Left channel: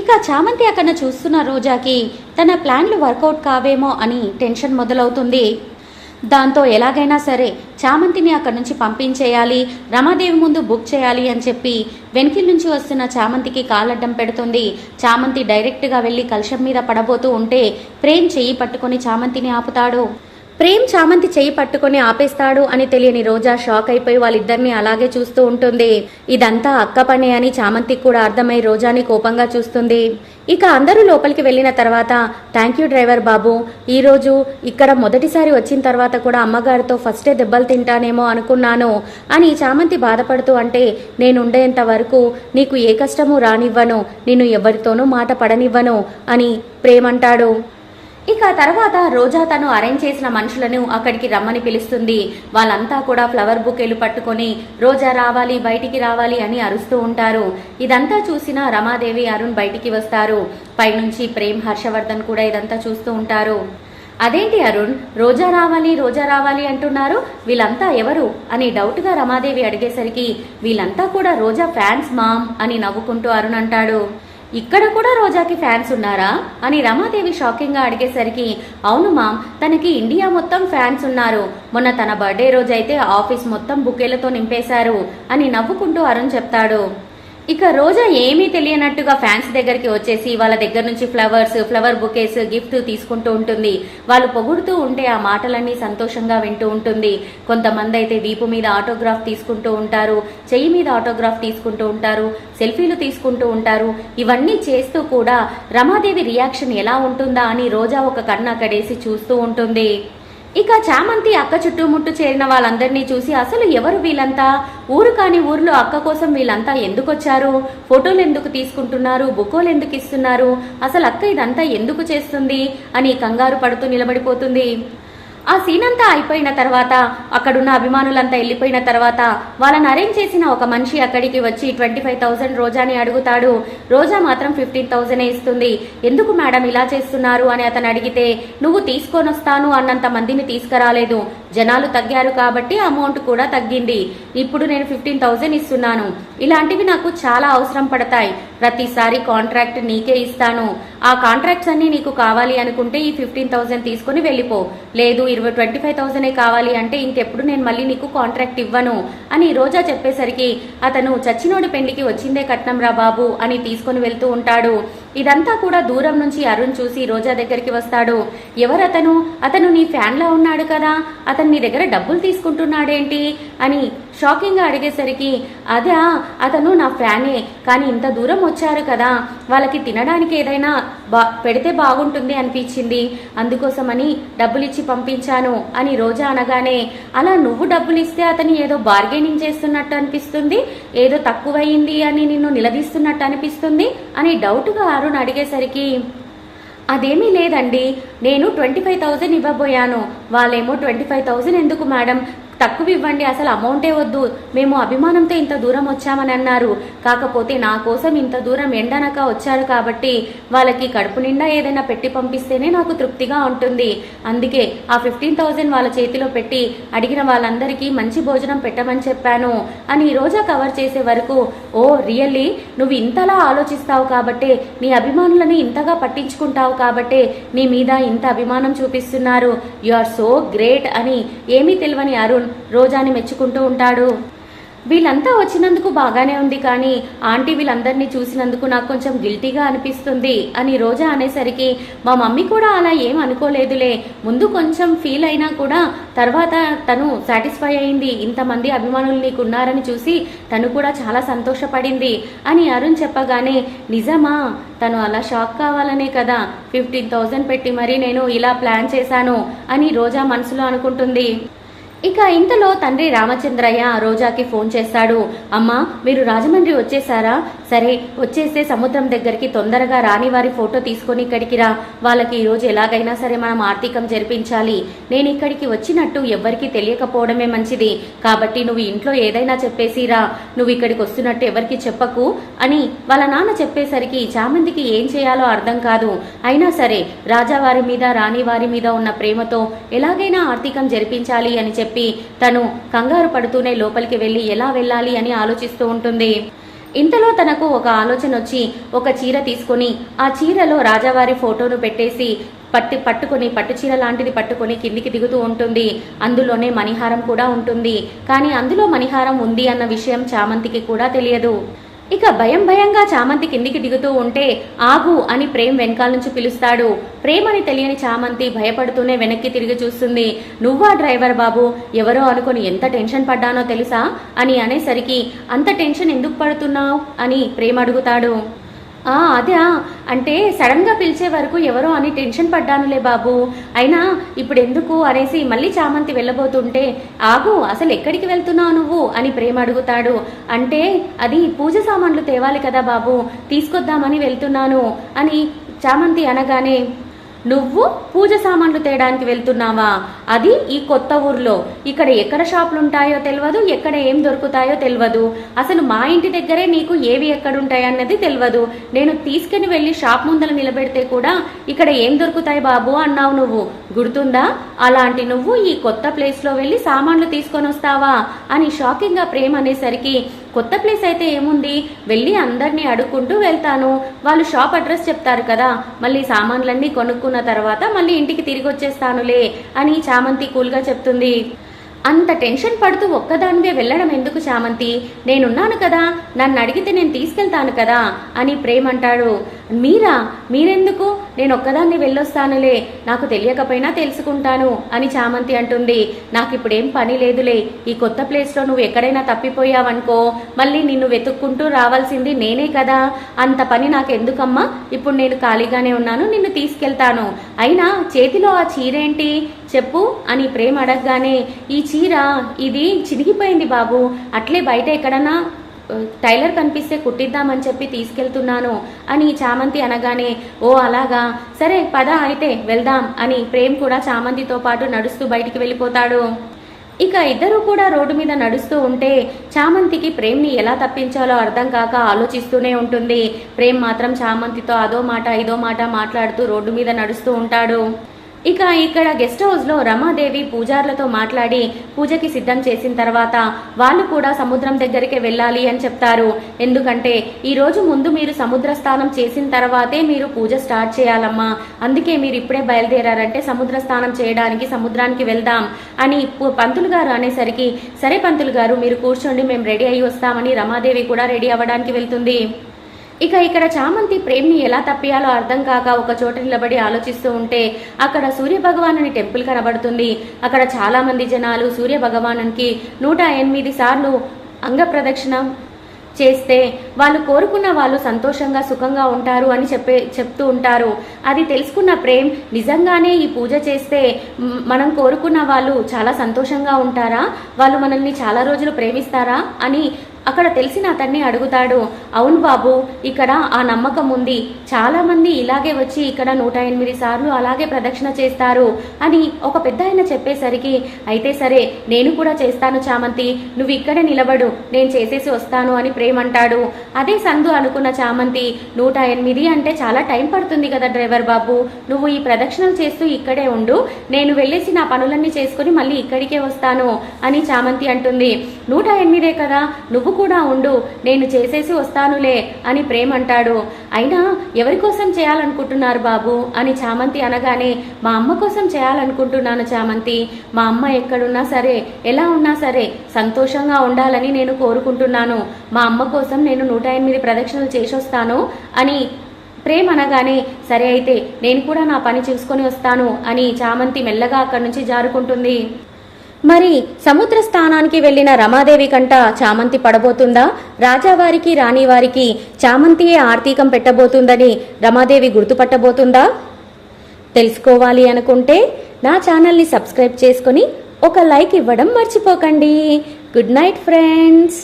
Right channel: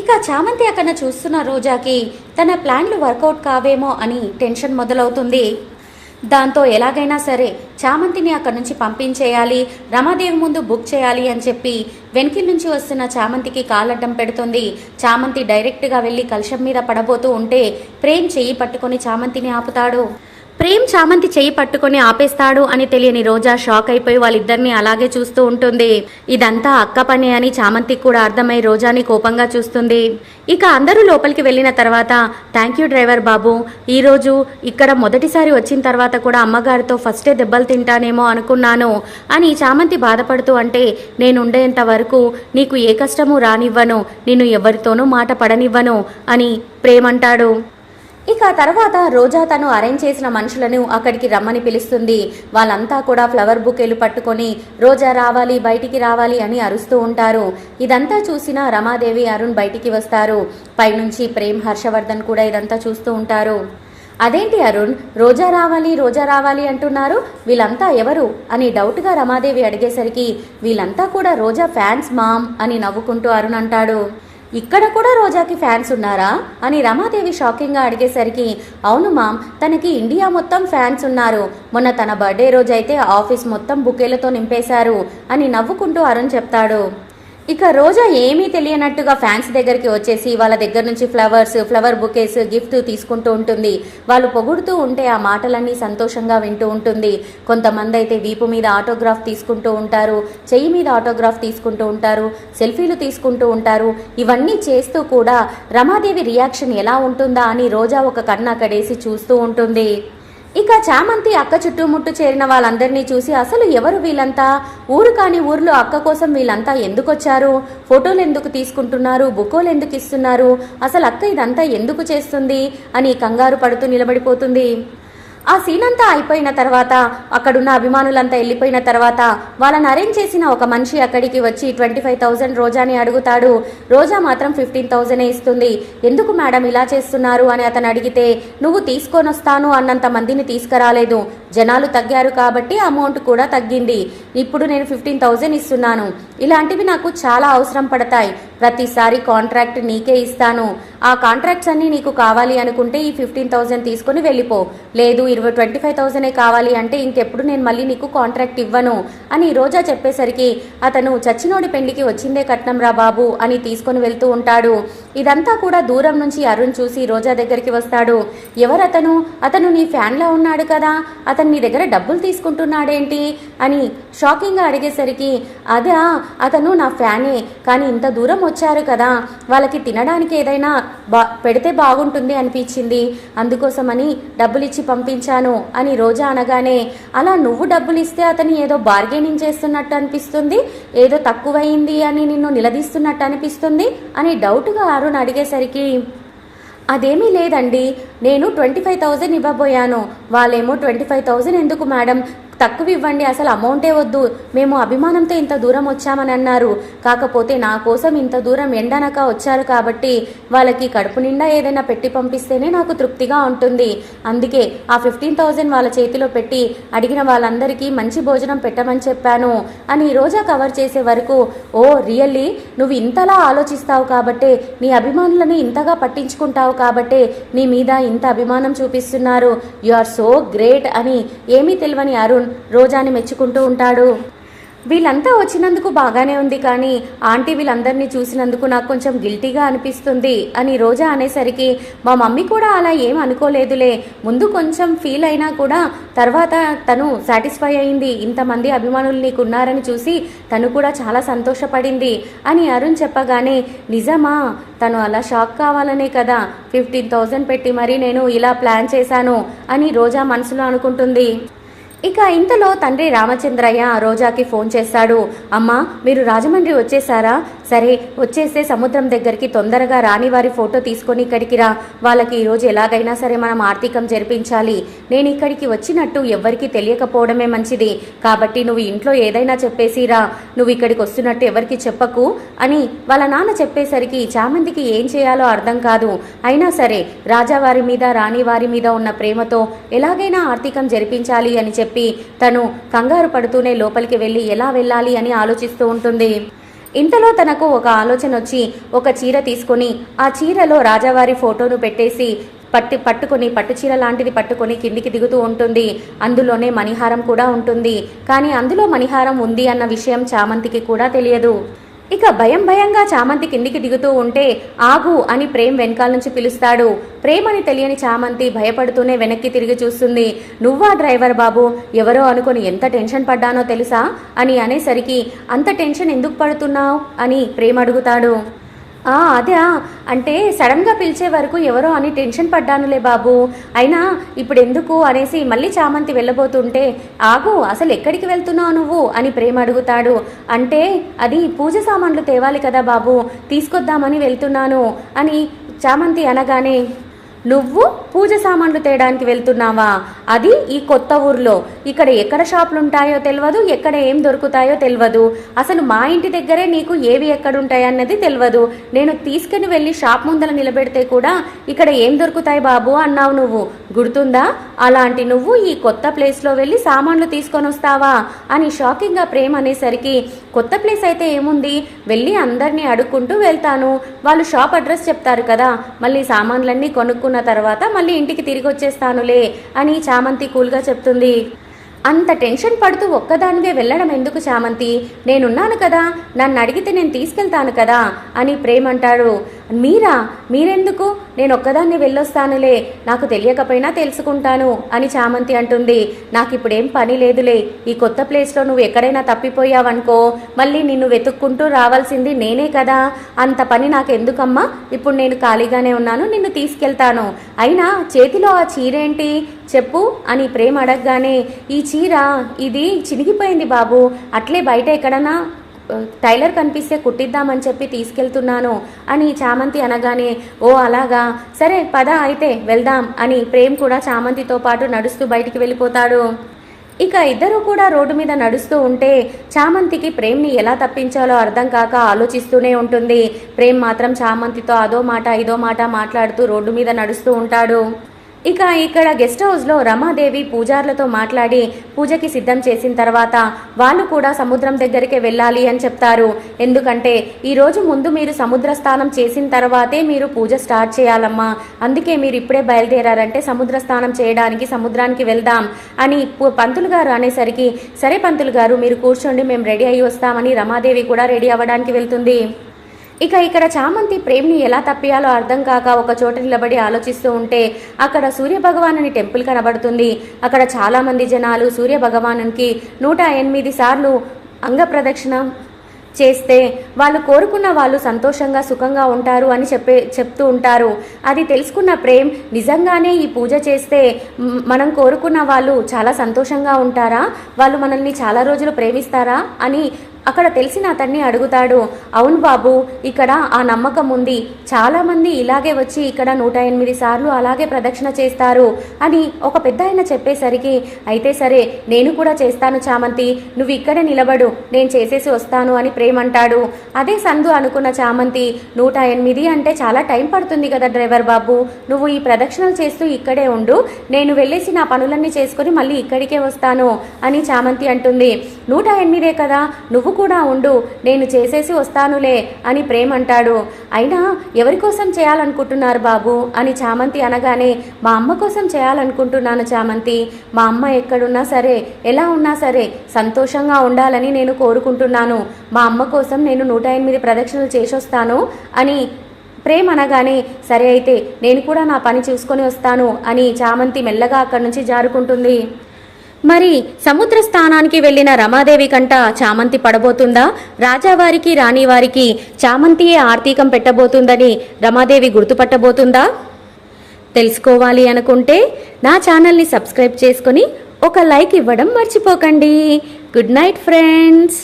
ఇక చామంతి అక్కడ చూస్తున్న రోజాకి తన ప్లాన్లు వర్కౌట్ కావేమో అని టెన్షన్ మొదలవుతుంది. దాంతో ఎలాగైనా సరే చామంతిని అక్కడి నుంచి పంపించేయాలి రమాదేవి ముందు బుక్ చేయాలి అని చెప్పి వెనకిల్ నుంచి వస్తున్న చామంతికి కాలడ్డం పెడుతుంది. చామంతి డైరెక్ట్గా వెళ్ళి కలశం మీద పడబోతూ ఉంటే ప్రేమ్ చెయ్యి పట్టుకొని చామంతిని ఆపుతాడు. ప్రేమ్ చామంతి చెయ్యి పట్టుకుని ఆపేస్తాడు అని తెలియని రోజా షాక్ అయిపోయి వాళ్ళిద్దరిని అలాగే చూస్తూ ఉంటుంది. ఇదంతా అక్క పనే అని చామంతికి కూడా అర్థమై రోజాని కోపంగా చూస్తుంది. ఇక అందరూ లోపలికి వెళ్ళిన తర్వాత థ్యాంక్ యూ డ్రైవర్ బాబు ఈరోజు ఇక్కడ మొదటిసారి వచ్చిన తర్వాత కూడా అమ్మగారితో ఫస్టే దెబ్బలు తింటానేమో అనుకున్నాను అని చామంతి బాధపడుతూ అంటే నేనుండేంత వరకు నీకు ఏ కష్టము రానివ్వను నిన్ను ఎవరితోనూ మాట పడనివ్వను అని ప్రేమంటాడు ఇక తర్వాత రోజా తను అరేంజ్ చేసిన మనుషులను అక్కడికి రమ్మని పిలుస్తుంది. వాళ్ళంతా కూడా ఫ్లవర్ బుకేలు పట్టుకొని రోజా రావాలి బయటికి రావాలి అని అరుస్తూ ఉంటారు. ఇదంతా చూసిన రమాదేవి అరుణ్ బయటికి వస్తారు. పైనుంచి ప్రేమ్ హర్షవర్ధన్ కూడా ఇదంతా చూస్తూ ఉంటారు. అదేంటి అరుణ్? రోజా రావాలి రోజా రావాలి అంటున్నారు. వీళ్ళంతా ఎవరు? అని డౌట్గా రమాదేవి అడిగేసరికి వీళ్ళంతా కూడా రోజా ఫ్యాన్స్ మామ్ అని నవ్వుకుంటూ అరుణ్ అంటాడు. ఇక్కడ కూడా రోజాకి ఫ్యాన్స్ ఉన్నారా? అని రమాదేవి షాకింగ్గా అడిగేసరికి అవును మామ్ తనకి ఇండియా మొత్తం ఫ్యాన్స్ ఉన్నారు. మొన్న తన బర్త్డే రోజైతే ఆఫీస్ మొత్తం బుకేలతో నింపేశారు అని నవ్వుకుంటూ అరుణ్ చెప్తాడు. ఇక రోజా ఏమీ తెలియనట్టుగా ఫ్యాన్స్ దగ్గరికి వచ్చేసి వాళ్ళ దగ్గర నుంచి ఫ్లవర్స్ ఫ్లవర్ బుకేస్ గిఫ్ట్ తీసుకుంటూ ఉంటుంది. వాళ్ళు పొగుడుతూ ఉంటే ఆ మాటలన్నీ సంతోషంగా వింటూ ఉంటుంది. కొంతమంది అయితే వీపు మీద ఆటోగ్రాఫ్ తీసుకుంటూ ఉంటారు చెయ్యి మీద ఆటోగ్రాఫ్ తీసుకుంటూ ఉంటారు సెల్ఫీలు తీసుకుంటూ ఉంటారు. ఇవన్నీ చేస్తూ కూడా రమాదేవి రియాక్షన్ ఎలా ఉంటుందా అని రోజా ఒక కన్ను అక్కడేసి చూస్తూ ఉంటుంది. ఇక చామంతి అక్క చుట్టుముట్టు చేరిన వాళ్ళందరినీ చూసి అసలు ఎవరు వీళ్ళంతా? ఊరు కాని ఊర్లో అక్క కోసం వీళ్ళంతా ఎందుకు వచ్చారు ఫోటోలు ఎందుకు తీసుకుంటున్నారు? బుకోలు ఎందుకు ఇస్తున్నారు? అసలు అక్క ఇదంతా ఎందుకు చేస్తుంది? అని కంగారు పడుతూ నిలబడిపోతుంది. ఆ సీన్ అంతా అయిపోయిన తర్వాత అక్కడున్న అభిమానులంతా వెళ్ళిపోయిన తర్వాత వాళ్ళని అరేంజ్ చేసిన ఒక మనిషి అక్కడికి వచ్చి ట్వంటీ ఫైవ్ థౌజండ్ రోజాని అడుగుతాడు. రోజా మాత్రం ఫిఫ్టీన్ థౌసండ్ ఇస్తుంది. ఎందుకు మేడం ఇలా చేస్తున్నారు అని అతను అడిగితే నువ్వు తీసుకొని వస్తాను అన్నంత మందిని తీసుకురాలేదు. జనాలు తగ్గారు కాబట్టి అమౌంట్ కూడా తగ్గింది. ఇప్పుడు నేను ఫిఫ్టీన్ థౌజండ్ ఇస్తున్నాను. ఇలాంటివి నాకు చాలా అవసరం పడతాయి. ప్రతిసారి కాంట్రాక్ట్ నీకే ఇస్తాను. ఆ కాంట్రాక్ట్స్ అన్నీ నీకు కావాలి అనుకుంటే ఈ ఫిఫ్టీన్ థౌసండ్ తీసుకుని వెళ్ళిపో. లేదు ఇరవై ట్వంటీ ఫైవ్ థౌజండ్ కావాలి అంటే ఇంకెప్పుడు నేను మళ్ళీ నీకు కాంట్రాక్ట్ ఇవ్వను అని రోజా చెప్పేసరికి అతను చచ్చినోడి పెళ్ళికి వచ్చిందే కట్నం రా బాబు అని తీసుకొని వెళ్తూ ఉంటాడు. ఇదంతా కూడా దూరం నుంచి అరుణ్ చూసి రోజా దగ్గరికి వస్తాడు. ఎవరతను? అతను నీ ఫ్యాన్లో ఉన్నాడు కదా. అతను నీ దగ్గర డబ్బులు తీసుకుంటున్నాడేంటి? అని షాకింగ్గా అడిగేసరికి అదా అతను నా ఫ్యానే కానీ ఇంత దూరం వచ్చారు కదా వాళ్ళకి తినడానికి ఏదైనా బా పెడితే బాగుంటుంది అనిపించింది. అందుకోసమని డబ్బులిచ్చి పంపించాను అని రోజా అనగానే అలా నువ్వు డబ్బులు ఇస్తే అతను ఏదో బార్గెనింగ్ చేస్తున్నట్టు అనిపిస్తుంది? ఏదో తక్కువయింది అని నిన్ను నిలదీస్తున్నట్టు అనిపిస్తుంది? అని డౌట్గా అరుణ్ అడిగేసరికి అదేమీ లేదండి నేను ట్వంటీ ఫైవ్ థౌజండ్ ఇవ్వబోయాను. వాళ్ళేమో ట్వంటీ ఫైవ్ థౌజండ్ ఎందుకు మేడం? తక్కువ ఇవ్వండి అసలు అమౌంటే వద్దు. మేము అభిమానంతో ఇంత దూరం వచ్చామని అన్నారు. కాకపోతే నా కోసం ఇంత దూరం ఎండనక వచ్చారు కాబట్టి వాళ్ళకి కడుపు నిండా ఏదైనా పెట్టి పంపిస్తేనే నాకు తృప్తిగా ఉంటుంది. అందుకే ఆ ఫిఫ్టీన్ థౌజండ్ వాళ్ళ చేతిలో పెట్టి అడిగిన వాళ్ళందరికీ మంచి భోజనం పెట్టమని చెప్పాను. అని రోజా కవర్ చేసే వరకు ఓ రియల్లీ? నువ్వు ఇంతలా ఆలోచిస్తావు కాబట్టే నీ అభిమానులని ఇంతగా పట్టించుకుంటావు కాబట్టే నీ మీద ఇంత అభిమానం చూపిస్తున్నారు. యు ఆర్ సో గ్రేట్ అని ఏమీ తెలియని అరుణ్ రోజాని మెచ్చుకుంటూ ఉంటాడు. వీళ్ళంతా వచ్చినందుకు బాగానే ఉంది కానీ ఆంటీ వీళ్ళందరినీ చూసినందుకు నాకు కొంచెం గిల్టీగా అనిపిస్తుంది అని రోజా అనేసరికి మా మమ్మీ కూడా అలా ఏం అనుకోలేదులే. ముందు కొంచెం ఫీల్ అయినా కూడా తర్వాత తను సాటిస్ఫై అయింది. ఇంతమంది అభిమానులు నీకు ఉన్నారని చూసి తను కూడా చాలా సంతోషపడింది అని అరుణ్ చెప్పగానే నిజమా తను అలా షాక్ కావాలనే కదా ఫిఫ్టీన్ థౌజండ్ పెట్టి మరీ నేను ఇలా ప్లాన్ చేశాను అని రోజా మనసులో అనుకుంటుంది. ఇక ఇంతలో తండ్రి రామచంద్రయ్య రోజాకి ఫోన్ చేశాడు. అమ్మా మీరు రాజమండ్రి వచ్చేసారా సరే వచ్చేస్తే సముద్రం దగ్గరికి తొందరగా రాని వారి ఫోటో తీసుకొని ఇక్కడికి రా. వాళ్ళకి ఈరోజు ఎలాగైనా సరే మనం ఆర్థికం జరిపించాలి. నేను ఇక్కడికి వచ్చినట్టు ఎవ్వరికీ తెలియకపోవడమే మంచిది. కాబట్టి నువ్వు ఇంట్లో ఏదైనా చెప్పేసి రా. నువ్వు ఇక్కడికి వస్తున్నట్టు ఎవరికి చెప్పకు అని వాళ్ళ నాన్న చెప్పేసరికి చామంతికి ఏం చేయాలో అర్థం కాదు. అయినా సరే రాజావారి మీద రాణి వారి మీద ఉన్న ప్రేమతో ఎలాగైనా ఆర్థికం జరిపించాలి అని చెప్పి తను కంగారు పడుతూనే లోపలికి వెళ్ళి ఎలా వెళ్ళాలి అని ఆలోచిస్తూ ఉంటుంది. ఇంతలో తనకు ఒక ఆలోచన వచ్చి ఒక చీర తీసుకొని ఆ చీరలో రాజావారి ఫోటోను పెట్టేసి పట్టి పట్టుకొని పట్టు చీర లాంటిది పట్టుకొని కిందికి దిగుతూ ఉంటుంది. అందులోనే మణిహారం కూడా ఉంటుంది. కానీ అందులో మణిహారం ఉంది అన్న విషయం చామంతికి కూడా తెలియదు. ఇక భయం భయంగా చామంతి కిందికి దిగుతూ ఉంటే ఆగు అని ప్రేమ్ వెనకాల నుంచి పిలుస్తాడు. ప్రేమ్ అని తెలియని చామంతి భయపడుతూనే వెనక్కి తిరిగి చూస్తుంది. నువ్వా డ్రైవర్ బాబు? ఎవరో అనుకుని ఎంత టెన్షన్ పడ్డానో తెలుసా? అని అనేసరికి అంత టెన్షన్ ఎందుకు పడుతున్నావు? అని ప్రేమ్ అడుగుతాడు. అదే అంటే సడన్గా పిలిచే వరకు ఎవరో అని టెన్షన్ పడ్డానులే బాబు. అయినా ఇప్పుడు ఎందుకు అనేసి మళ్ళీ చామంతి వెళ్ళబోతుంటే ఆగు అసలు ఎక్కడికి వెళ్తున్నావు నువ్వు? అని ప్రేమ అడుగుతాడు. అంటే అది పూజ సామాన్లు తేవాలి కదా బాబు తీసుకొద్దామని వెళ్తున్నాను అని చామంతి అనగానే నువ్వు పూజ సామాన్లు తేయడానికి వెళ్తున్నావా? అది ఈ కొత్త ఊర్లో. ఇక్కడ ఎక్కడ షాపులు ఉంటాయో తెలియదు ఎక్కడ ఏం దొరుకుతాయో తెలియదు అసలు మా ఇంటి దగ్గరే నీకు ఏవి ఎక్కడుంటాయన్నది తెలియదు నేను తీసుకుని వెళ్ళి షాప్ ముందర నిలబెడితే కూడా ఇక్కడ ఏం దొరుకుతాయి బాబు అన్నావు నువ్వు. గుర్తుందా? అలాంటి నువ్వు ఈ కొత్త ప్లేస్లో వెళ్ళి సామాన్లు తీసుకొని వస్తావా అని షాకింగ్గా ప్రేమ అనేసరికి కొత్త ప్లేస్ అయితే ఏముంది? వెళ్ళి అందరినీ అడుక్కుంటూ వెళ్తాను. వాళ్ళు షాప్ అడ్రస్ చెప్తారు కదా. మళ్ళీ సామాన్లన్నీ కొనుక్కున్న తర్వాత మళ్ళీ ఇంటికి తిరిగి వచ్చేస్తానులే అని చామంతి కూల్గా చెప్తుంది. అంత టెన్షన్ పడుతూ ఒక్కదానివే వెళ్ళడం ఎందుకు చామంతి? నేనున్నాను కదా. నన్ను అడిగితే నేను తీసుకెళ్తాను కదా అని ప్రేమ్ అంటాడు మీరా? మీరెందుకు? నేను ఒక్కదాన్ని వెళ్ళొస్తానులే. నాకు తెలియకపోయినా తెలుసుకుంటాను అని చామంతి అంటుంది. నాకు ఇప్పుడేం పని లేదులే. ఈ కొత్త ప్లేస్లో నువ్వు ఎక్కడైనా తప్పిపోయావనుకో మళ్ళీ నిన్ను వెతుక్కుంటూ రావాల్సింది నేనే కదా. అంత పని నాకు ఎందుకమ్మా ఇప్పుడు నేను ఖాళీగానే ఉన్నాను నిన్ను తీసుకెళ్తాను. అయినా చేతిలో ఆ చీరేంటి? చెప్పు అని ప్రేమ అడగగానే ఈ చీర ఇది చినిగిపోయింది బాబు. అట్లే బయట ఎక్కడన్నా టైలర్ కనిపిస్తే కుట్టిద్దామని చెప్పి తీసుకెళ్తున్నాను అని చామంతి అనగానే ఓ అలాగా? సరే పద అయితే వెళ్దాం అని ప్రేమ్ కూడా చామంతితో పాటు నడుస్తూ బయటికి వెళ్ళిపోతాడు. ఇక ఇద్దరు కూడా రోడ్డు మీద నడుస్తూ ఉంటే చామంతికి ప్రేమ్ని ఎలా తప్పించాలో అర్థం కాక ఆలోచిస్తూనే ఉంటుంది. ప్రేమ్ మాత్రం చామంతితో అదో మాట ఇదో మాట మాట్లాడుతూ రోడ్డు మీద నడుస్తూ ఉంటాడు. ఇక ఇక్కడ గెస్ట్ హౌస్లో రమాదేవి పూజార్లతో మాట్లాడి పూజకి సిద్ధం చేసిన తర్వాత వాళ్ళు కూడా సముద్రం దగ్గరికి వెళ్ళాలి అని చెప్తారు. ఎందుకంటే ఈరోజు ముందు మీరు సముద్ర స్నానం చేసిన తర్వాతే మీరు పూజ స్టార్ట్ చేయాలమ్మా. అందుకే మీరు ఇప్పుడే బయలుదేరారంటే సముద్ర స్నానం చేయడానికి సముద్రానికి వెళ్దాం అని పంతులు గారు అనేసరికి సరే పంతులు గారు మీరు కూర్చోండి మేము రెడీ అయ్యి వస్తామని రమాదేవి కూడా రెడీ అవ్వడానికి వెళ్తుంది. ఇక ఇక్కడ చామంతి ప్రేమ్ని ఎలా తప్పియాలో అర్థం కాక ఒక చోట నిలబడి ఆలోచిస్తూ ఉంటే అక్కడ సూర్య భగవానుని టెంపుల్ కనబడుతుంది. అక్కడ చాలా మంది జనాలు సూర్య భగవానునికి నూట ఎనిమిది సార్లు అంగ ప్రదక్షిణ చేస్తే వాళ్ళు కోరుకున్న వాళ్ళు సంతోషంగా సుఖంగా ఉంటారు అని చెప్పే చెప్తూ ఉంటారు. అది తెలుసుకున్న ప్రేమ్ నిజంగానే ఈ పూజ చేస్తే మనం కోరుకున్న వాళ్ళు చాలా సంతోషంగా ఉంటారా? వాళ్ళు మనల్ని చాలా రోజులు ప్రేమిస్తారా? అని అక్కడ తెలిసిన అతన్ని అడుగుతాడు అవును బాబు ఇక్కడ ఆ నమ్మకం ఉంది. చాలామంది ఇలాగే వచ్చి ఇక్కడ నూట ఎనిమిది సార్లు అలాగే ప్రదక్షిణ చేస్తారు అని ఒక పెద్ద ఆయన చెప్పేసరికి అయితే సరే నేను కూడా చేస్తాను చామంతి. నువ్వు ఇక్కడ నిలబడు. నేను చేసేసి వస్తాను అని ప్రేమ్ అంటాడు అదే సందు అనుకున్న చామంతి నూట ఎనిమిది అంటే చాలా టైం పడుతుంది కదా డ్రైవర్ బాబు. నువ్వు ఈ ప్రదక్షిణలు చేస్తూ ఇక్కడే ఉండు. నేను వెళ్ళేసి నా పనులన్నీ చేసుకుని మళ్ళీ ఇక్కడికే వస్తాను అని చామంతి అంటుంది. నూట ఎనిమిదే కదా. నువ్వు నువ్వు కూడా ఉండు నేను చేసేసి వస్తానులే అని ప్రేమ్ అంటాడు అయినా ఎవరి కోసం చేయాలనుకుంటున్నారు బాబు? అని చామంతి అనగానే మా అమ్మ కోసం చేయాలనుకుంటున్నాను చామంతి. మా అమ్మ ఎక్కడున్నా సరే ఎలా ఉన్నా సరే సంతోషంగా ఉండాలని నేను కోరుకుంటున్నాను. మా అమ్మ కోసం నేను నూట ఎనిమిది ప్రదక్షిణలు చేసొస్తాను అని ప్రేమ్ అనగానే సరే అయితే నేను కూడా నా పని చూసుకొని వస్తాను అని చామంతి మెల్లగా అక్కడి నుంచి జారుకుంటుంది. మరి సముద్ర స్థానానికి వెళ్ళిన రమాదేవి కంట చామంతి పడబోతుందా? రాజావారికి రాణివారికి చామంతియే ఆర్తీకం పెట్టబోతుందని రమాదేవి గుర్తుపట్టబోతుందా? తెలుసుకోవాలి అనుకుంటే నా ఛానల్ని సబ్స్క్రైబ్ చేసుకొని ఒక లైక్ ఇవ్వడం మర్చిపోకండి. Good night friends.